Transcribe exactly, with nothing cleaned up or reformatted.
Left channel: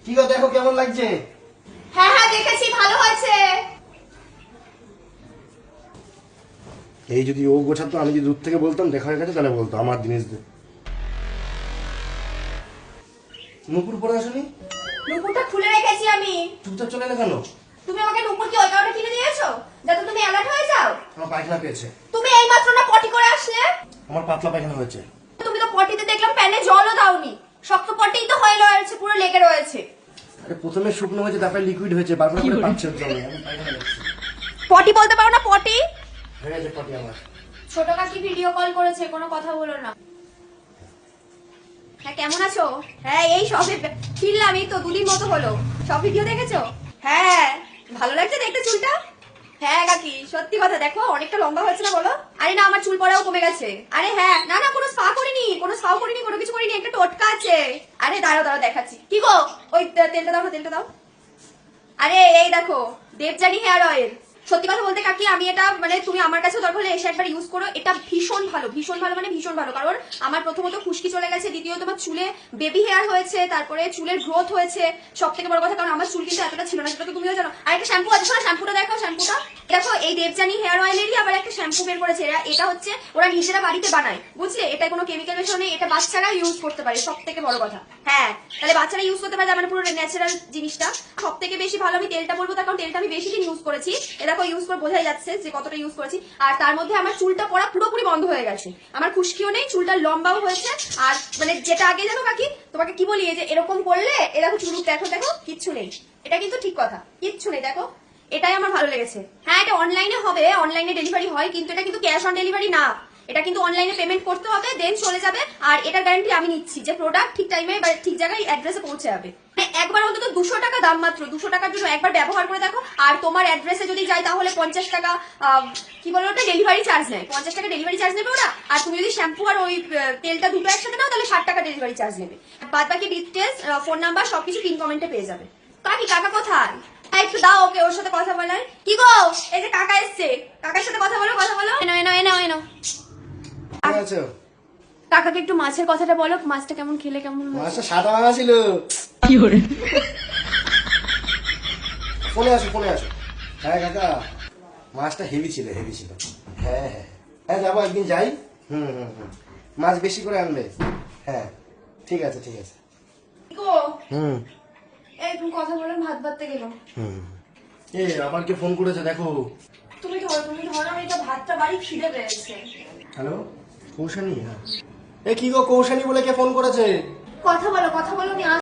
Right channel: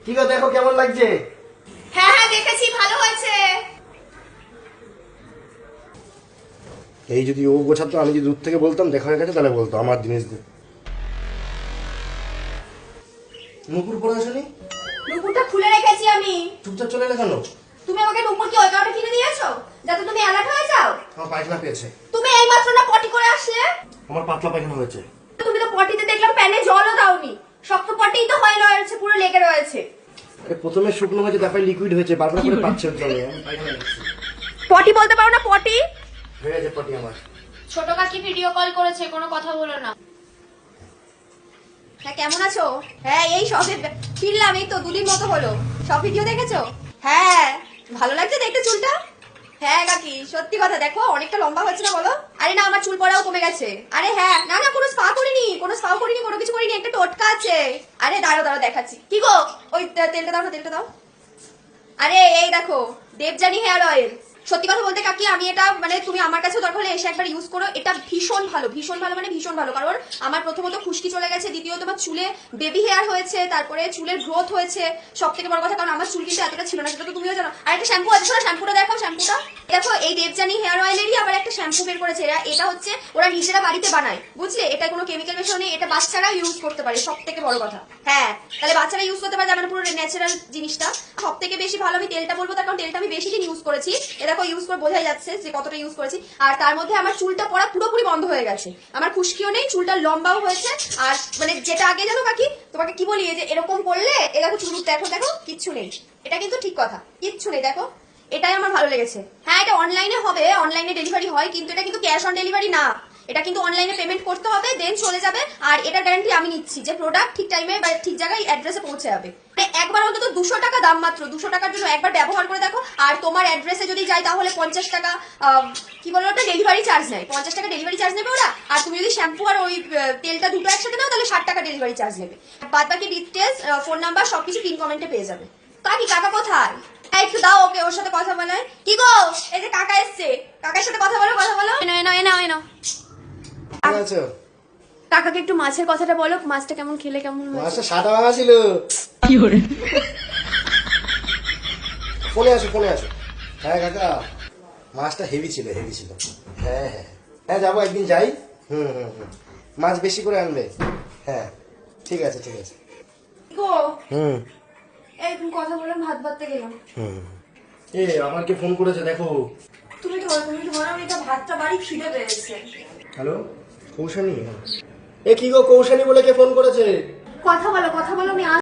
কি গো দেখো কেমন লাগছে? হ্যাঁ হ্যাঁ দেখেছি, ভালো হয়েছে। এই যদি ও গোছাতো, আমি যদি দূর থেকে বলতাম দেখা হয়ে গেছে, তাহলে বলতো আমার জিনিস দে। নুপুর পরে আসনি? নুপুরটা খুলে রেখেছি আমি। চুপচাপ চলে এলে কেন? তুমি আমাকে নুপুর কি ওই কারণে কিনে দিয়েছো যাতে তুমি অ্যালার্ট হয়ে যাও? আমার পায়খানা পেয়েছে। তুমি এই মাত্র না পটি করে আসলে? আমার পাতলা পায়খানা হয়েছে। তুমি তো পটিতে দেখলাম প্যানে জলও দাওনি, শক্ত পটিই তো হয়ে রয়েছে, পুরো লেগে রয়েছে। আরে প্রথমে শুকনো হয়েছে, তারপরে লিকুইড হয়েছে, বারবার করে পাচ্ছে হচ্ছে আমি আমি পায়খানা করছি। পটি বলতে পারো না পটি? হয়ে গেছে পটি আমার। ছোট কাকি ভিডিও কল করেছে, কোনো কথা বলো না। হ্যাঁ কেমন আছো? হ্যাঁ এই সবে ফিরলাম, এই তো দুদিন মতো হলো। সব ভিডিও দেখেছো? হ্যাঁ ভালো লাগছে দেখতে চুলটা। হ্যাঁ কাকি সত্যি কথা, দেখো অনেকটা লম্বা হয়েছে না বলো? আরে না আমার চুল পড়াও কমে গেছে। আরে হ্যাঁ না না কোনো স্পা করিনি, কোনো স্পাও করিনি, কোনো কিছু করিনি, একটা টোটকা আছে। আরে দাঁড়াও দাঁড়াও দেখাচ্ছি। কি গো ওই তেলটা দাও না, তেলটা দাও। আরে এই দেখো দেবযানী হেয়ার অয়েল। সত্যি কথা বলতে কাকি আমি এটা মানে তুমি আমার কাছে দরকার হলে এসে একবার ইউজ করো, এটা ভীষণ ভালো, ভীষণ ভালো মানে ভীষণ ভালো। কারণ আমার প্রথমত খুশকি চলে গেছে, দ্বিতীয়ত আমার চুলে বেবি হেয়ার হয়েছে, তারপরে চুলের গ্রোথ হয়েছে। সব থেকে বড় কথা, কারণ আমার চুল কিন্তু এতটা ছিল না, সেটা তো তুমিও জানো। আর একটা শ্যাম্পু আছে, শোনো শ্যাম্পুটা দেখাও। শ্যাম্পুটা দেখো, এই দেবযানী হেয়ার অয়েলেরই আবার একটা শ্যাম্পু বের করেছে এরা। এটা হচ্ছে ওরা নিজেরা বাড়িতে বানায়, বুঝলে? এটা কোনো কেমিক্যাল মেশানো নেই, এটা বাচ্চারা ইউজ করতে পারে, সব থেকে বড় কথা। হ্যাঁ তাহলে বাচ্চারা ইউজ করতে পারে, মানে পুরো ন্যাচারাল জিনিসটা। সব থেকে বেশি ভালো আমি তেলটা বলবো, তার কারণ তেলটা আমি বেশি দিন ইউজ করেছি। এ দেখো ইউজ করে বোঝাই যাচ্ছে যে কতটা ইউজ করেছি। আর তার মধ্যে আমার চুলটা পড়া পুরোপুরি বন্ধ হয়ে গেছে, আমার খুশকিও নেই, চুলটা লম্বাও হয়েছে। আর মানে যেটা আগে জানো কাকি তোমাকে কি বলি, এই যে এরকম করলে এ দেখো চুল দেখো দেখো কিচ্ছু নেই, এটা কিন্তু ঠিক কথা, কিচ্ছু নেই দেখো। এটাই আমার ভালো লেগেছে। হ্যাঁ এটা অনলাইনে হবে, অনলাইনে ডেলিভারি হয়, কিন্তু এটা কিন্তু ক্যাশ অন ডেলিভারি না, এটা কিন্তু অনলাইনে পেমেন্ট করতে হবে, দেন চলে যাবে। আর এটা গ্যারান্টি আমি নিচ্ছি যে প্রোডাক্ট ঠিক টাইমে বা ঠিক জায়গায় অ্যাড্রেসে পৌঁছে যাবে। মানে একবার অন্তত দুশো টাকা দাম, মাত্র দুশো টাকার জন্য একবার ব্যবহার করে দেখো। আর তোমার অ্যাড্রেসে যদি যাই তাহলে পঞ্চাশ টাকা কি বলো ওটা ডেলিভারি চার্জ নেয়, পঞ্চাশ টাকা ডেলিভারি চার্জ নেবে ওরা। আর তুমি যদি শ্যাম্পু আর ওই তেলটা দুটো একসাথে নাও তাহলে ষাট টাকা ডেলিভারি চার্জ নেবে। বাদ বাকি ডিটেলস, ফোন নাম্বার সবকিছু পিন কমেন্টে পেয়ে যাবে। কাকি কাকা কোথায়? একটু দাও ওকে, ওর সাথে কথা বলায়। কি গো এই যে কাকা এসছে, কাকার সাথে কথা বলো, কথা বলো। এনো এনো এনো এনো কাকাকে একটু মাছের কথাটা বলো, মাছটা কেমন খেলে কেমন হয়েছে? মাছটা সাদা ভাঙা ছিল। কি করে? ফোনে আসো ফোনে আসো। হ্যাঁ কাকা মাছটা হেভি ছিল, হেভি ছিল। হ্যাঁ হ্যাঁ হ্যাঁ যাবো একদিন, যাই। হুম হুম হুম মাছ বেশি করে আনবে। হ্যাঁ ঠিক আছে ঠিক আছে। গো হুম এই তুমি কথা বললাম, ভাত ভাততে গেলাম। হুম এ আমার কে ফোন করেছে দেখো। তুমি ধরো তুমি ধরো, আমি তো ভাতটা বাড়ি খিদে পেয়েছে। হ্যালো কৌশানী? এ কি গো কৌশানী বলে কে ফোন করেছে? কথা বলো কথা বলো, আমি